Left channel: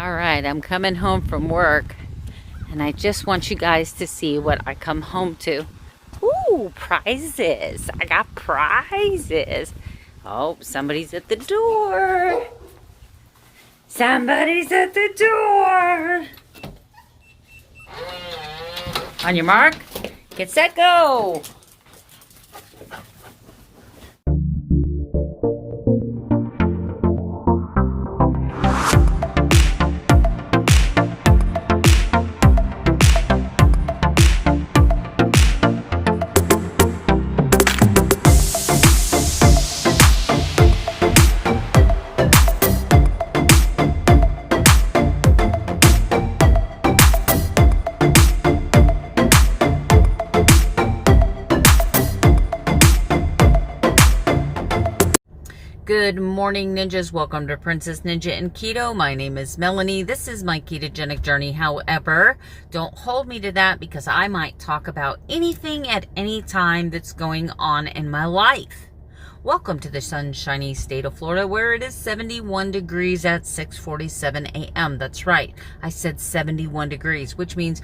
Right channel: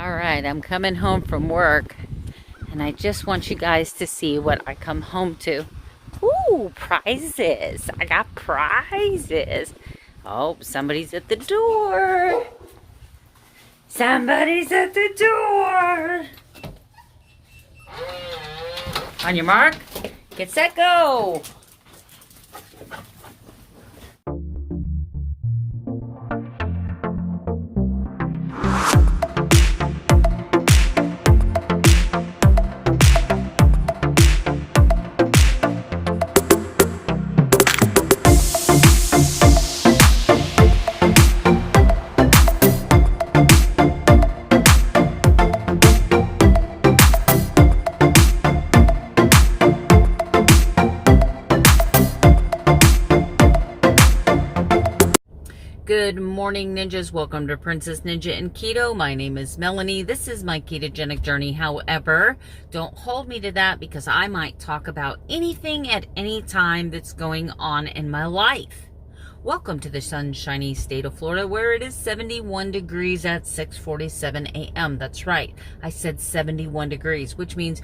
All right, I'm coming home from work and I just want you guys to see what I come home to. Ooh, prizes. I got prizes. Oh, somebody's at the door. Somebody's at the door. On your mark, get set, go. Good morning, ninjas. Welcome to Princess Ninja and Keto. My name is Melanie. This is my ketogenic journey. However, don't hold me to that because I might talk about anything at any time that's going on in my life. Welcome to the sunshiny state of Florida where it is 71 degrees at 6:47 a.m. That's right. I said 71 degrees, which means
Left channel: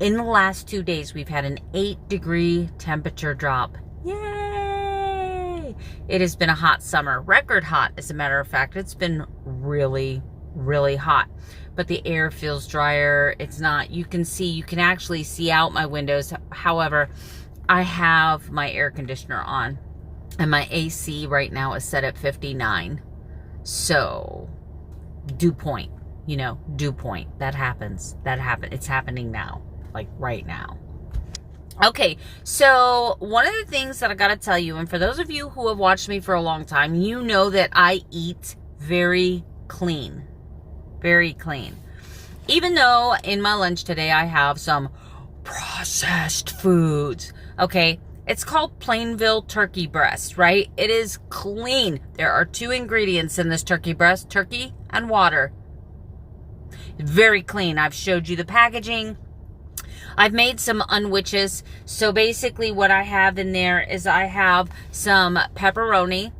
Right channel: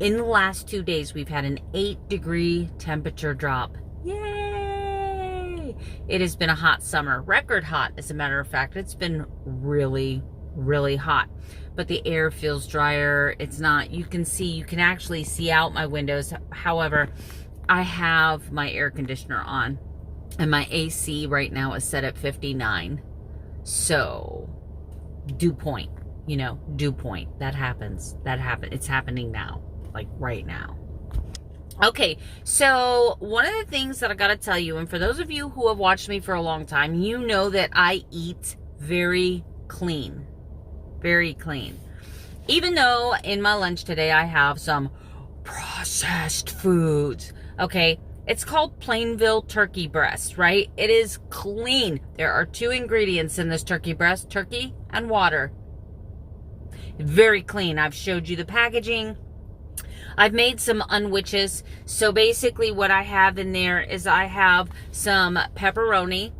in the last 2 days we've had an 8-degree temperature drop. Yay! It has been a hot summer, record hot as a matter of fact. It's been really, really hot, but the air feels drier. It's not, you can actually see out my windows. However, I have my air conditioner on and my AC right now is set at 59. So dew point, dew point. That happens. It's happening now, like right now. Okay, so one of the things that I got to tell you, and for those of you who have watched me for a long time, you know that I eat very clean. Very clean. Even though in my lunch today I have some processed foods. Okay, it's called Plainville turkey breast, right? It is clean. There are 2 ingredients in this turkey breast, turkey and water. Very clean. I've showed you the packaging. I've made some unwitches. So basically what I have in there is I have some pepperoni.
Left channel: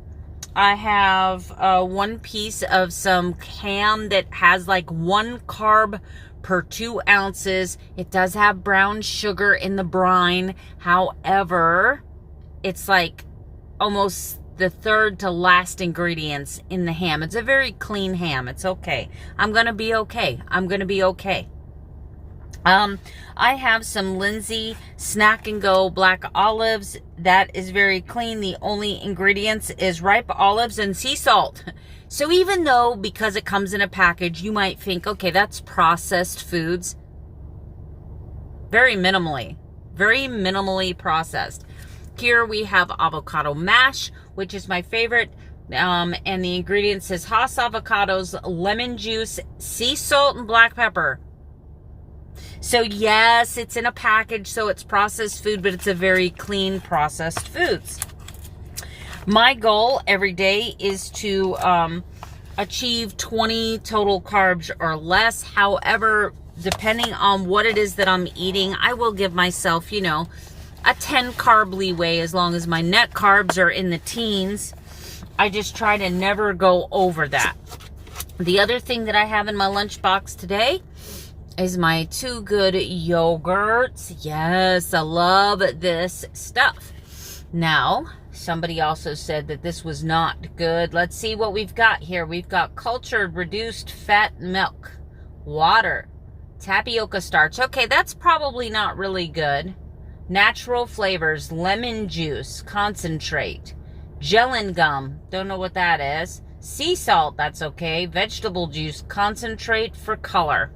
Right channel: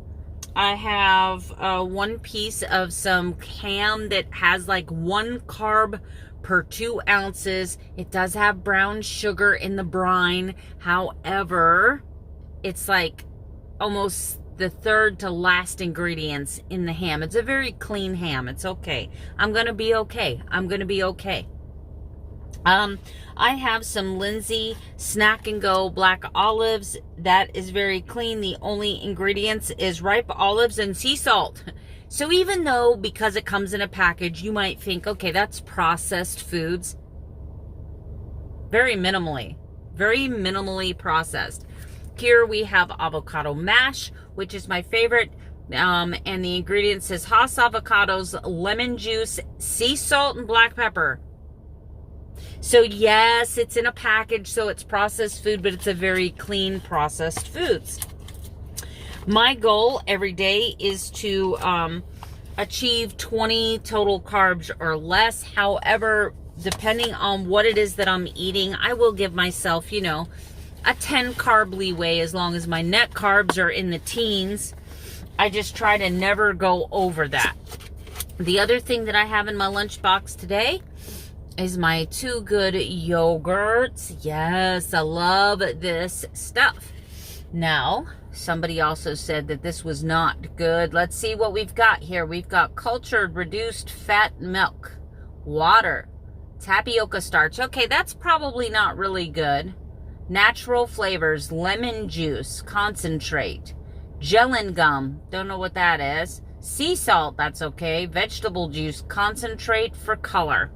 I have 1 piece of some ham that has like 1 carb per 2 ounces. It does have brown sugar in the brine. However, it's like almost the 3rd to last ingredients in the ham. It's a very clean ham. It's okay. I'm going to be okay. I have some Lindsay Snack and Go black olives. That is very clean. The only ingredients is ripe olives and sea salt. So even though, because it comes in a package, you might think, okay, that's processed foods. Very minimally processed. Here we have avocado mash, which is my favorite. And the ingredients is Hass avocados, lemon juice, sea salt, and black pepper. So yes, it's in a package, so it's processed food, but it's a very clean processed foods. My goal every day is to achieve 20 total carbs or less. However, depending on what it is that I'm eating, I will give myself, a 10 carb leeway as long as my net carbs are in the teens. I just try to never go over that. The other thing that I have in my lunchbox today is my 2 good yogurts. Yes, I love this stuff. Now, somebody also said that this was not good. Let's see what we've got here. We've got cultured reduced fat milk, water, tapioca starch. Okay, that's probably not really good. Natural flavors, lemon juice, concentrate, gelin gum. Don't know what that is. Sea salt, that's okay. Vegetable juice, concentrate for color.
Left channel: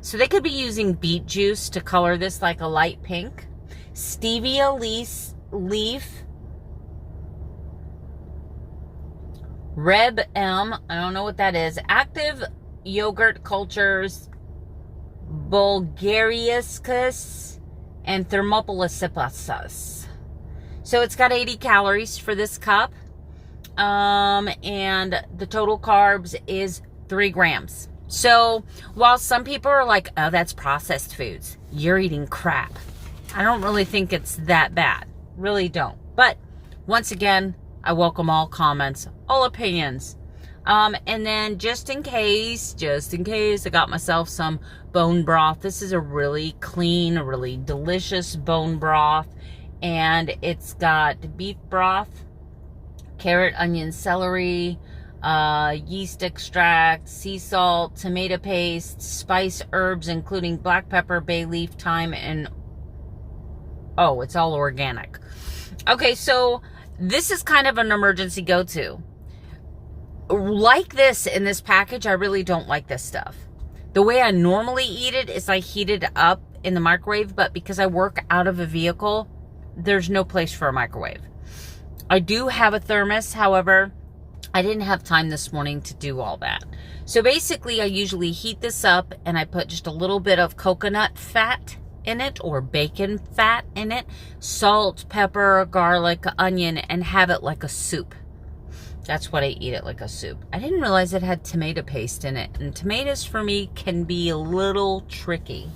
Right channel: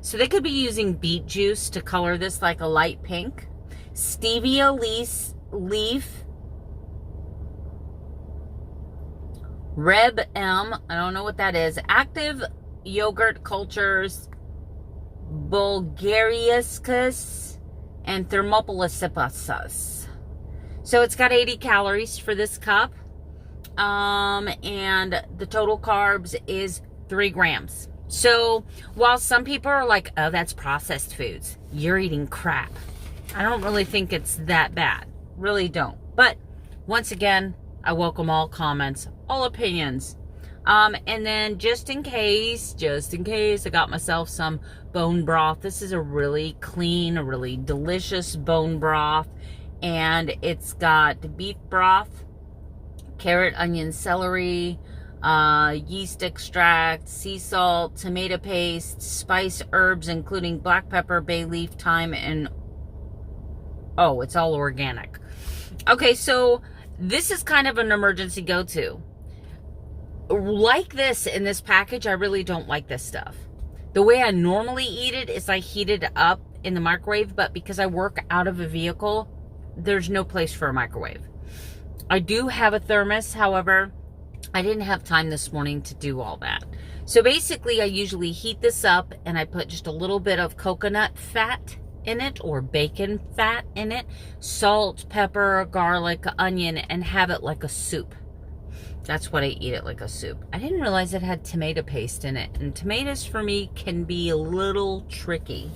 So they could be using beet juice to color this like a light pink. Stevia leaf. Reb M. I don't know what that is. Active yogurt cultures. Bulgariascus and Thermopolis. So it's got 80 calories for this cup. And the total carbs is 3 grams. So while some people are like, oh, that's processed foods, you're eating crap. I don't really think it's that bad. Really don't. But once again, I welcome all comments, all opinions. And then just in case, I got myself some bone broth. This is a really clean, really delicious bone broth. And it's got beef broth, carrot, onion, celery, yeast extract, sea salt, tomato paste, spice herbs, including black pepper, bay leaf, thyme, and oh, it's all organic. Okay, so this is kind of an emergency go-to. Like this in this package, I really don't like this stuff. The way I normally eat it is I heat it up in the microwave, but because I work out of a vehicle, there's no place for a microwave. I do have a thermos, however, I didn't have time this morning to do all that. So basically, I usually heat this up and I put just a little bit of coconut fat in it or bacon fat in it, salt, pepper, garlic, onion, and have it like a soup. That's what I eat it, like a soup. I didn't realize it had tomato paste in it, and tomatoes for me can be a little tricky.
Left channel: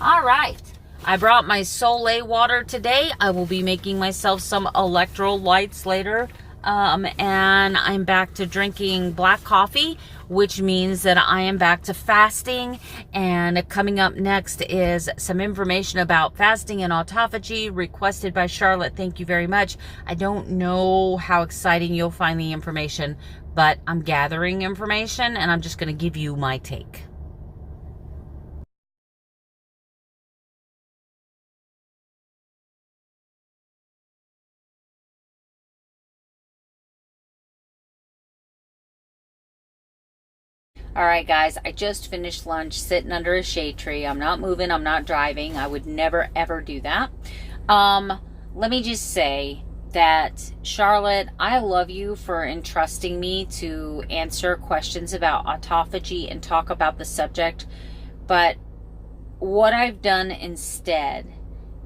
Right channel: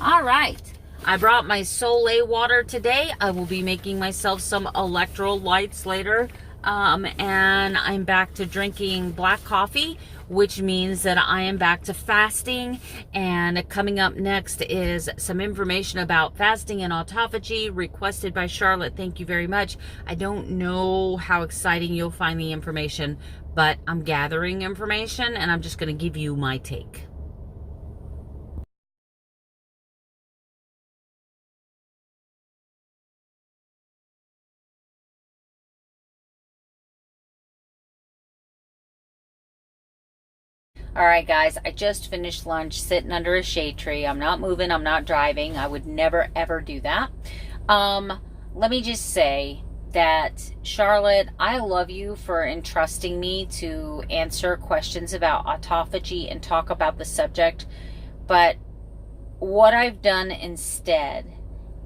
All right, I brought my Soleil water today. I will be making myself some electrolytes later. And I'm back to drinking black coffee, which means that I am back to fasting. And coming up next is some information about fasting and autophagy requested by Charlotte. Thank you very much. I don't know how exciting you'll find the information, but I'm gathering information and I'm just going to give you my take. All right, guys, I just finished lunch sitting under a shade tree. I'm not moving. I'm not driving. I would never, ever do that. Let me just say that, Charlotte, I love you for entrusting me to answer questions about autophagy and talk about the subject. But what I've done instead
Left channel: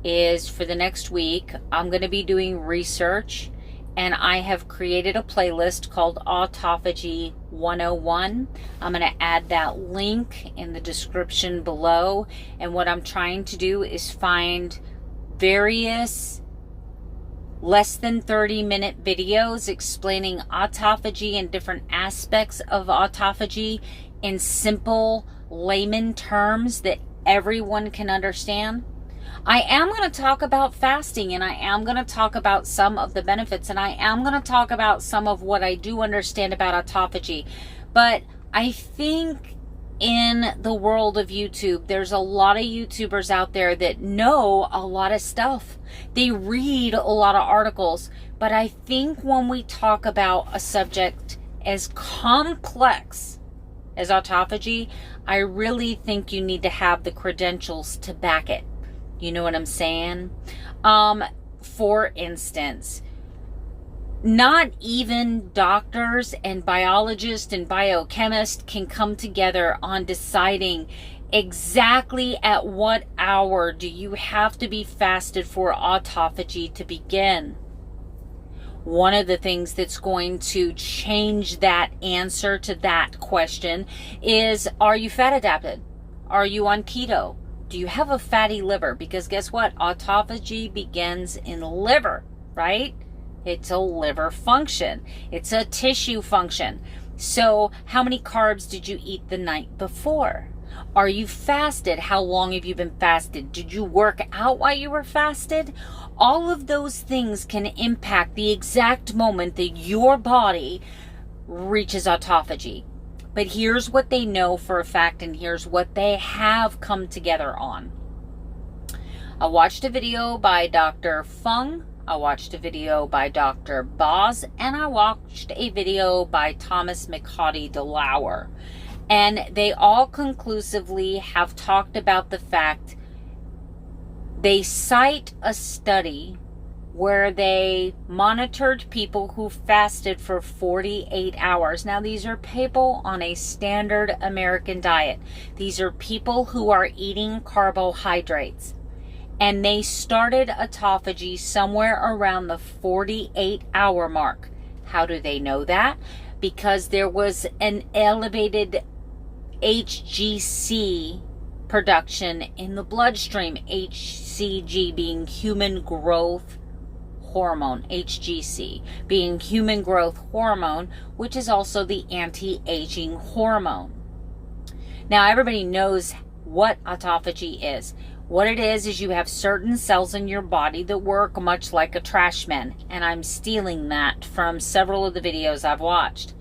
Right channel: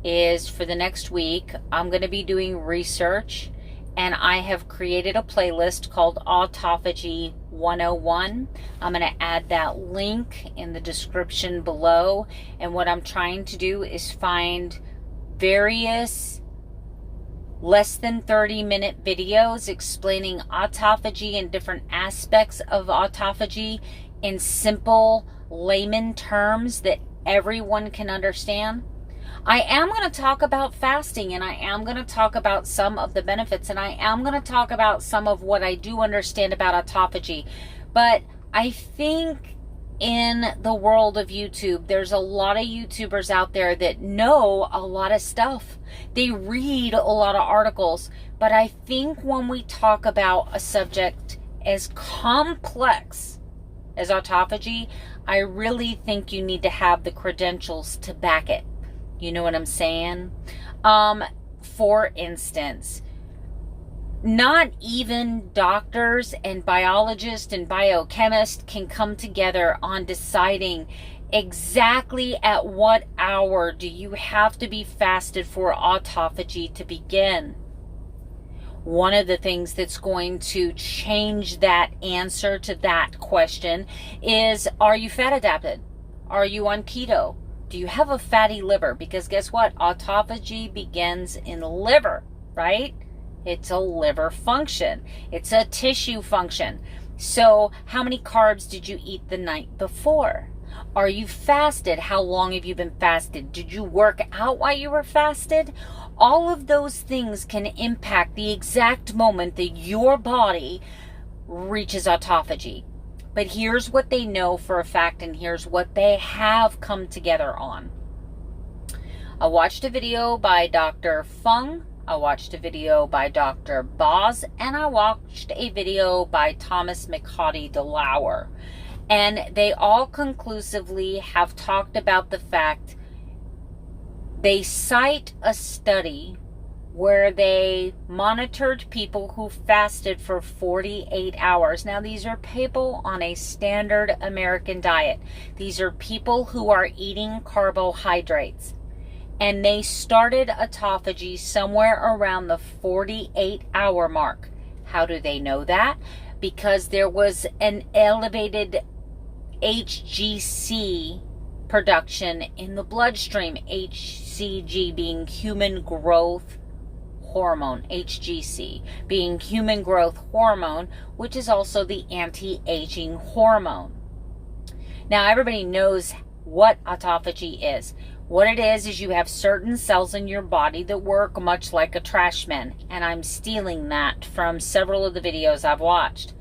is for the next week, I'm going to be doing research. And I have created a playlist called Autophagy 101. I'm going to add that link in the description below. And what I'm trying to do is find various less than 30-minute videos explaining autophagy and different aspects of autophagy in simple layman terms that everyone can understand. I am going to talk about fasting, and I am going to talk about some of the benefits, and I am going to talk about some of what I do understand about autophagy. But I think in the world of YouTube, there's a lot of YouTubers out there that know a lot of stuff. They read a lot of articles. But I think when we talk about a subject as complex as autophagy, I really think you need to have the credentials to back it. You know what I'm saying? For instance, not even doctors and biologists and biochemists can come together on deciding exactly at what hour do you have to be fasted for autophagy to begin. One of the things that's going to change that answer to that question is, are you fat adapted? Are you on keto? Do you have a fatty liver? Because guess what? Autophagy begins in the liver, right? It's a liver function. It's a tissue function. So how many carbs did you eat the night before? Are you fasted? How long have you been fasted? Did you work out while you were fasted? All of those things can impact the exact moment that your body reaches autophagy. But here's what they know for a fact, and here's what they have come together on. I watched a video by Dr. Fung, I watched a video by Dr. Boz, and I watched a video by Thomas McHattie DeLauer. And they all conclusively have talked about the fact, they cite a study where they monitored people who fasted for 48 hours. Now, these are people on a standard American diet. These are people who are eating carbohydrates. And they started autophagy somewhere around the 48-hour mark. How do they know that? Because there was an elevated HGC production in the bloodstream. HCG being human growth hormone, HGC, being human growth hormone, which is also the anti-aging hormone. Now, everybody knows what autophagy is. What it is you have certain cells in your body that work much like a trash man, and I'm stealing that from several of the videos I've watched.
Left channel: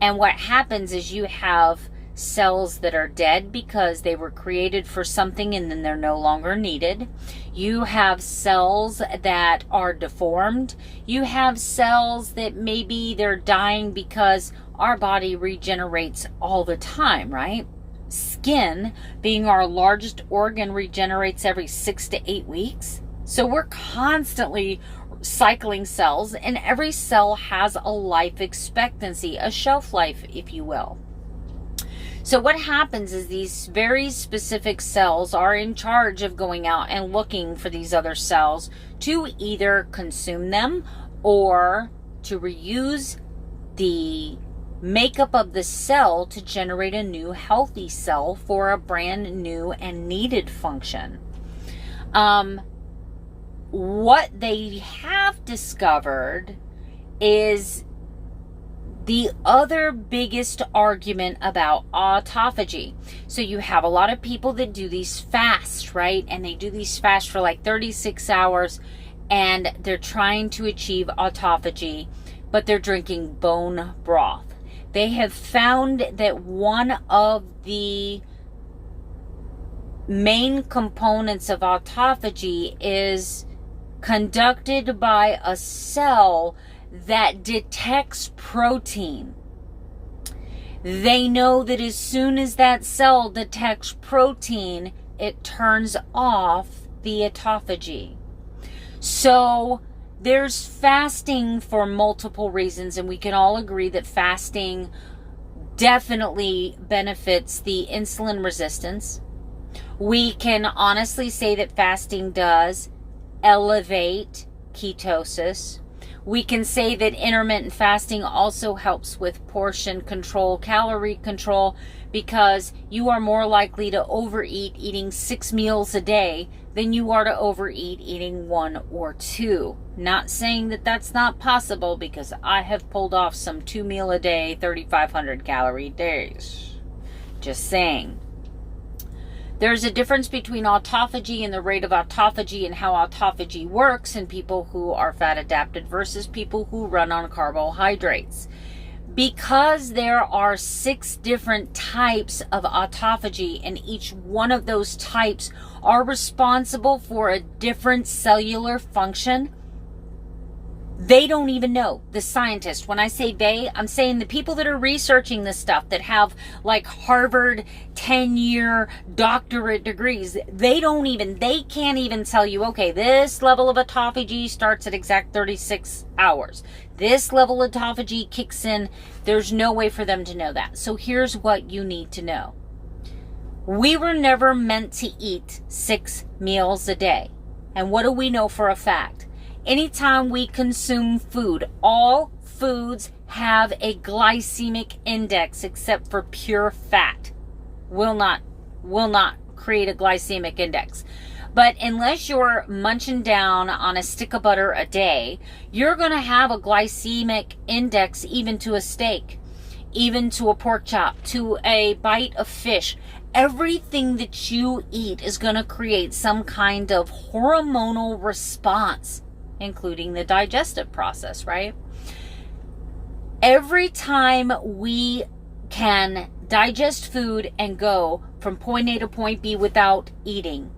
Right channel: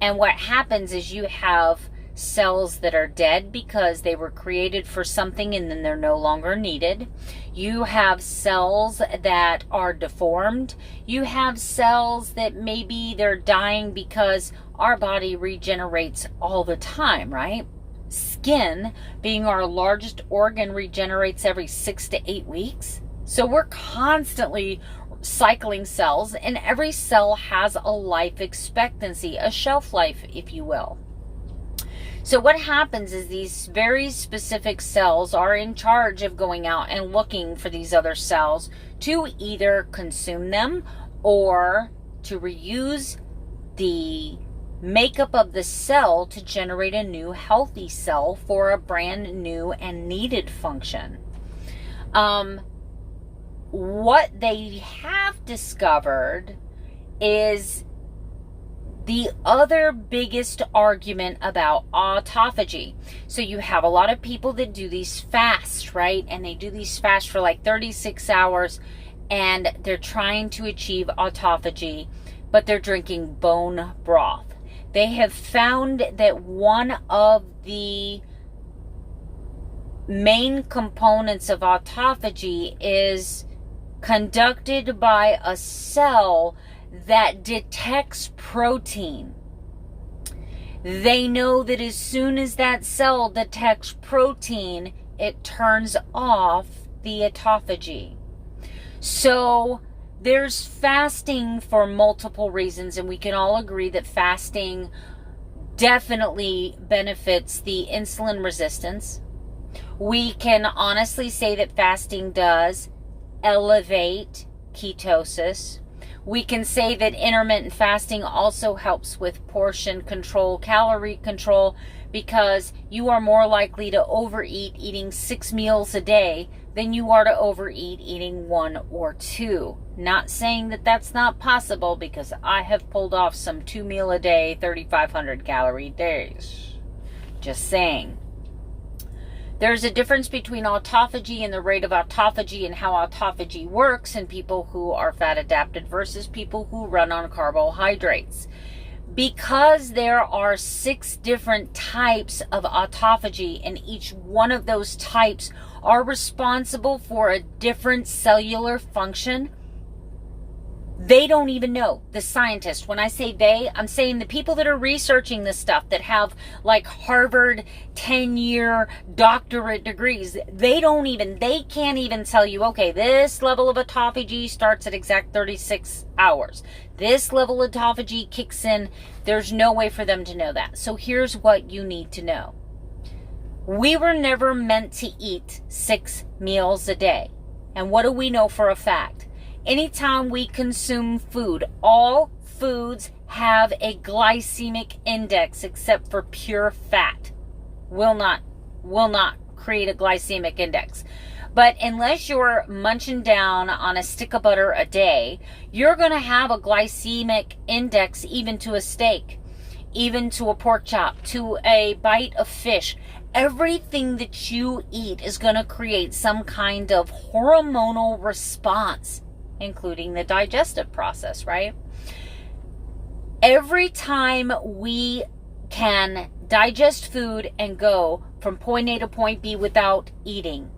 And what happens is you have cells that are dead because they were created for something and then they're no longer needed. You have cells that are deformed. You have cells that maybe they're dying because our body regenerates all the time, right? Skin, being our largest organ, regenerates every 6 to 8 weeks. So we're constantly cycling cells, and every cell has a life expectancy, a shelf life, if you will. So what happens is these very specific cells are in charge of going out and looking for these other cells to either consume them or to reuse the makeup of the cell to generate a new healthy cell for a brand new and needed function. What they have discovered is the other biggest argument about autophagy. So you have a lot of people that do these fasts, right? And they do these fasts for like 36 hours and they're trying to achieve autophagy, but they're drinking bone broth. They have found that one of the main components of autophagy is conducted by a cell that detects protein. They know that as soon as that cell detects protein, it turns off the autophagy. So there's fasting for multiple reasons, and we can all agree that fasting definitely benefits the insulin resistance. We can honestly say that fasting does elevate ketosis. We can say that intermittent fasting also helps with portion control, calorie control, because you are more likely to overeat eating 6 meals a day than you are to overeat eating 1 or 2. Not saying that that's not possible, because I have pulled off some 2 meal a day, 3,500 calorie days. Just saying. There's a difference between autophagy and the rate of autophagy and how autophagy works in people who are fat adapted versus people who run on carbohydrates. Because there are 6 different types of autophagy, and each one of those types are responsible for a different cellular function, they don't even know. The scientists, when I say they, I'm saying the people that are researching this stuff, that have like Harvard 10-year doctorate degrees, they can't even tell you, okay, this level of autophagy starts at exact 36 hours. This level of autophagy kicks in. There's no way for them to know that. So here's what you need to know. We were never meant to eat 6 meals a day. And what do we know for a fact? Anytime we consume food, all foods have a glycemic index except for pure fat. Will not create a glycemic index. But unless you're munching down on a stick of butter a day, you're going to have a glycemic index even to a steak, even to a pork chop, to a bite of fish. Everything that you eat is going to create some kind of hormonal response, including the digestive process, right? Every time we can digest food and go from point A to point B without eating,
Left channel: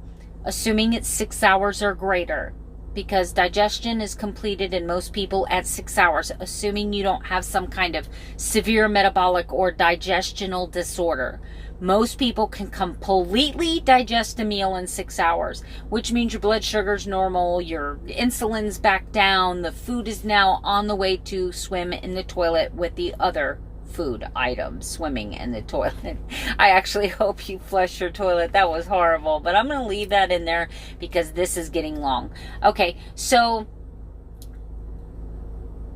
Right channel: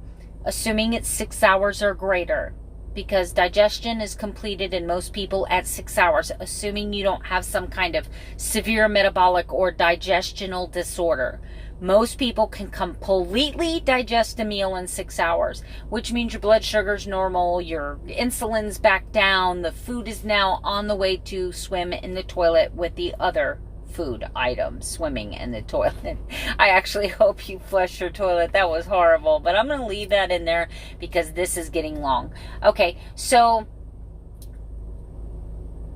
assuming it's 6 hours or greater, because digestion is completed in most people at 6 hours, assuming you don't have some kind of severe metabolic or digestional disorder. Most people can completely digest a meal in 6 hours, which means your blood sugar's normal, your insulin's back down, the food is now on the way to swim in the toilet with the other food items swimming in the toilet. I actually hope you flush your toilet. That was horrible, but I'm going to leave that in there because this is getting long. Okay, so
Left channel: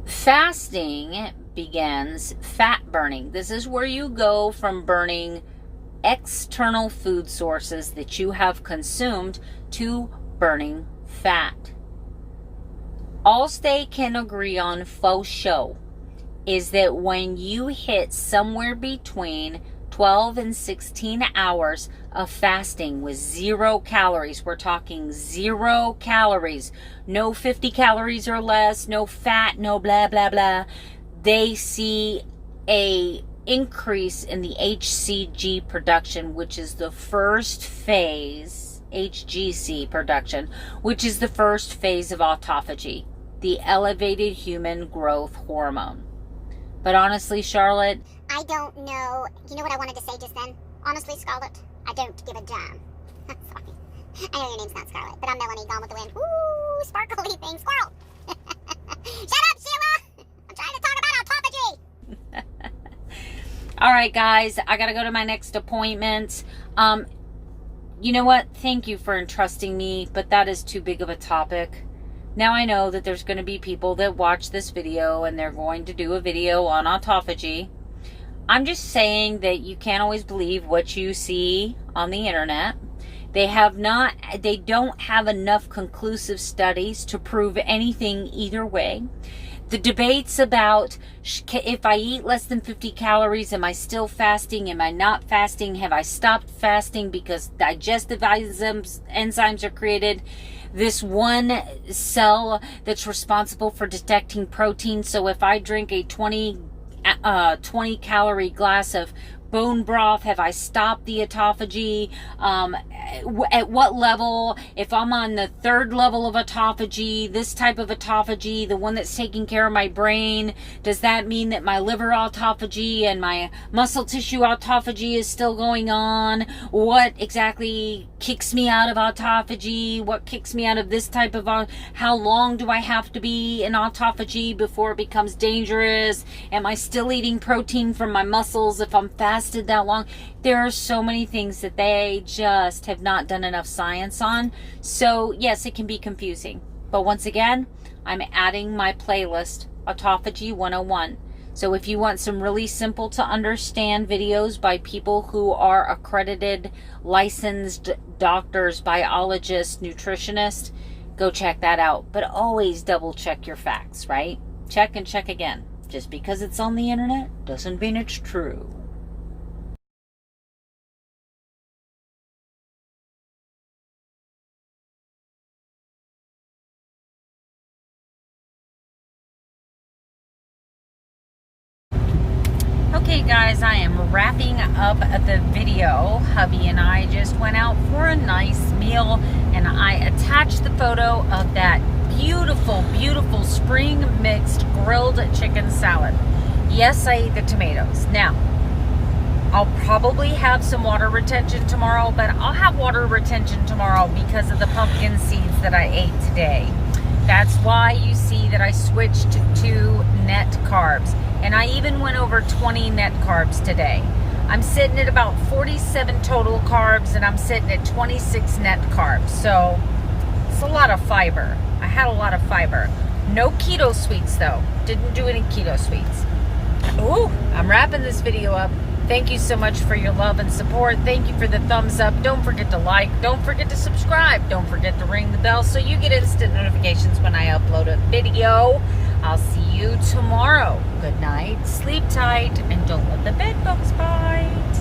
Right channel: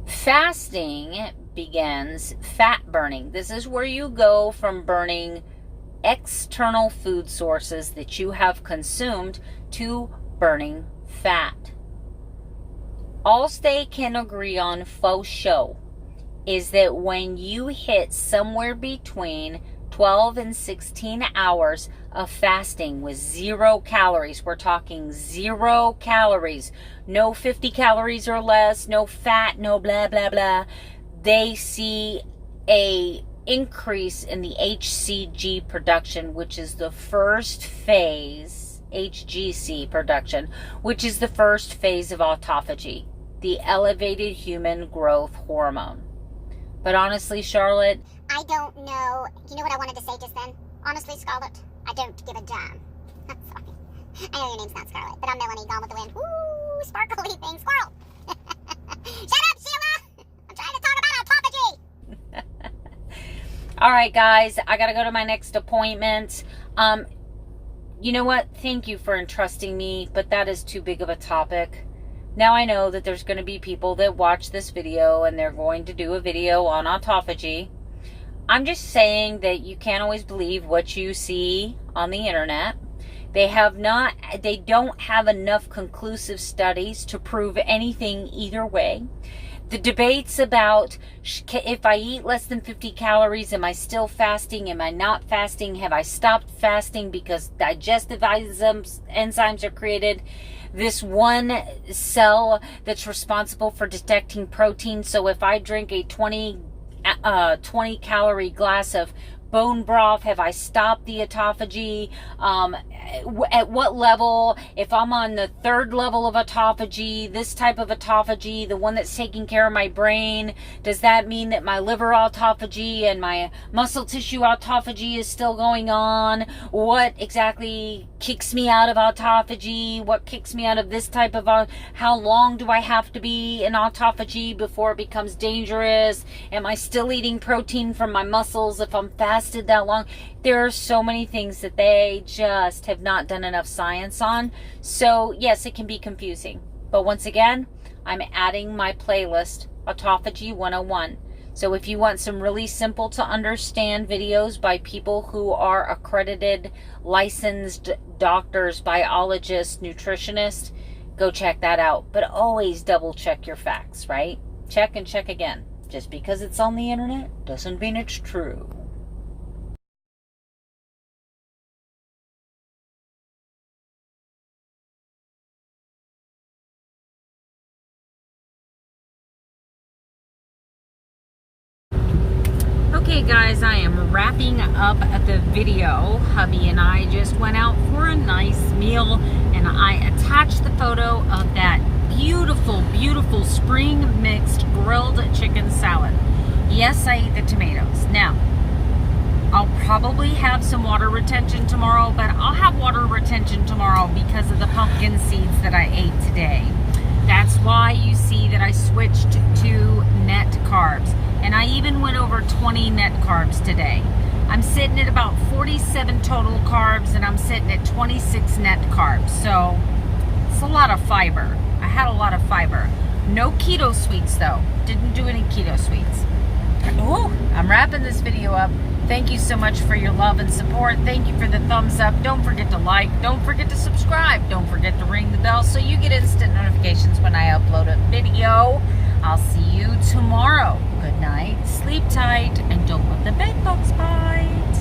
fasting begins fat burning. This is where you go from burning external food sources that you have consumed to burning fat. All they can agree on faux show is that when you hit somewhere between 12 and 16 hours of fasting with 0 calories, we're talking 0 calories, no 50 calories or less, no fat, no blah, blah, blah, they see a increase in the HCG production, which is the first phase, HGC production, which is the first phase of autophagy, the elevated human growth hormone. But honestly, Charlotte, I don't know. You know what I wanted to say just then? Honestly, Scarlett, I don't give a damn. I'm sorry. I know your name's not Scarlett, but I'm Melanie, gone with the wind. Woo, sparkly thing, squirrel. Shut up, Sheila. I'm trying to talk about autophagy. All right, guys, I got to go to my next appointment. You know what? Thank you for entrusting me, but that is too big of a topic. Now I know that there's going to be people that watch this video and they're going to do a video on autophagy. I'm just saying that you can't always believe what you see on the internet. They don't have enough conclusive studies to prove anything either way. The debates about if I eat less than 50 calories, am I still fasting? Am I not fasting? Have I stopped fasting because digestive enzymes are created? This one cell that's responsible for detecting protein. So if I drink a 20 calorie glass of bone broth, have I stopped the autophagy? At what level? If I'm on the 3rd level of autophagy, this type of autophagy, the one that's taking care of my brain, does that mean that my liver autophagy and my muscle tissue autophagy is still going on? What exactly kicks me out of autophagy? What kicks me out of this type of how long do I have to be in autophagy before it becomes dangerous? Am I still eating protein from my muscles if I'm fasted that long? There are so many things that they just have not done enough science on. So yes, it can be confusing. But once again, I'm adding my playlist, Autophagy 101. So if you want some really simple to understand videos by people who are accredited, licensed doctors, biologists, nutritionists, go check that out. But always double check your facts, right? Check and check again. Just because it's on the internet doesn't mean it's true. Okay guys, I am wrapping up the video. Hubby and I just went out for a nice meal and I attached the photo of that beautiful, beautiful spring mixed grilled chicken salad. Yes, I ate the tomatoes. Now, I'll probably have some water retention tomorrow, but I'll have water retention tomorrow because of the pumpkin seeds that I ate today. That's why you see that I switched to net carbs. And I even went over 20 net carbs today. I'm sitting at about 47 total carbs and I'm sitting at 26 net carbs. So it's a lot of fiber. I had a lot of fiber. No keto sweets though. Didn't do any keto sweets. Ooh, I'm wrapping this video up. Thank you so much for your love and support. Thank you for the thumbs up. Don't forget to like. Don't forget to subscribe. Don't forget to ring the bell so you get instant notifications when I upload a video. I'll see you tomorrow. Good night, sleep tight, and don't let the bed bugs bite.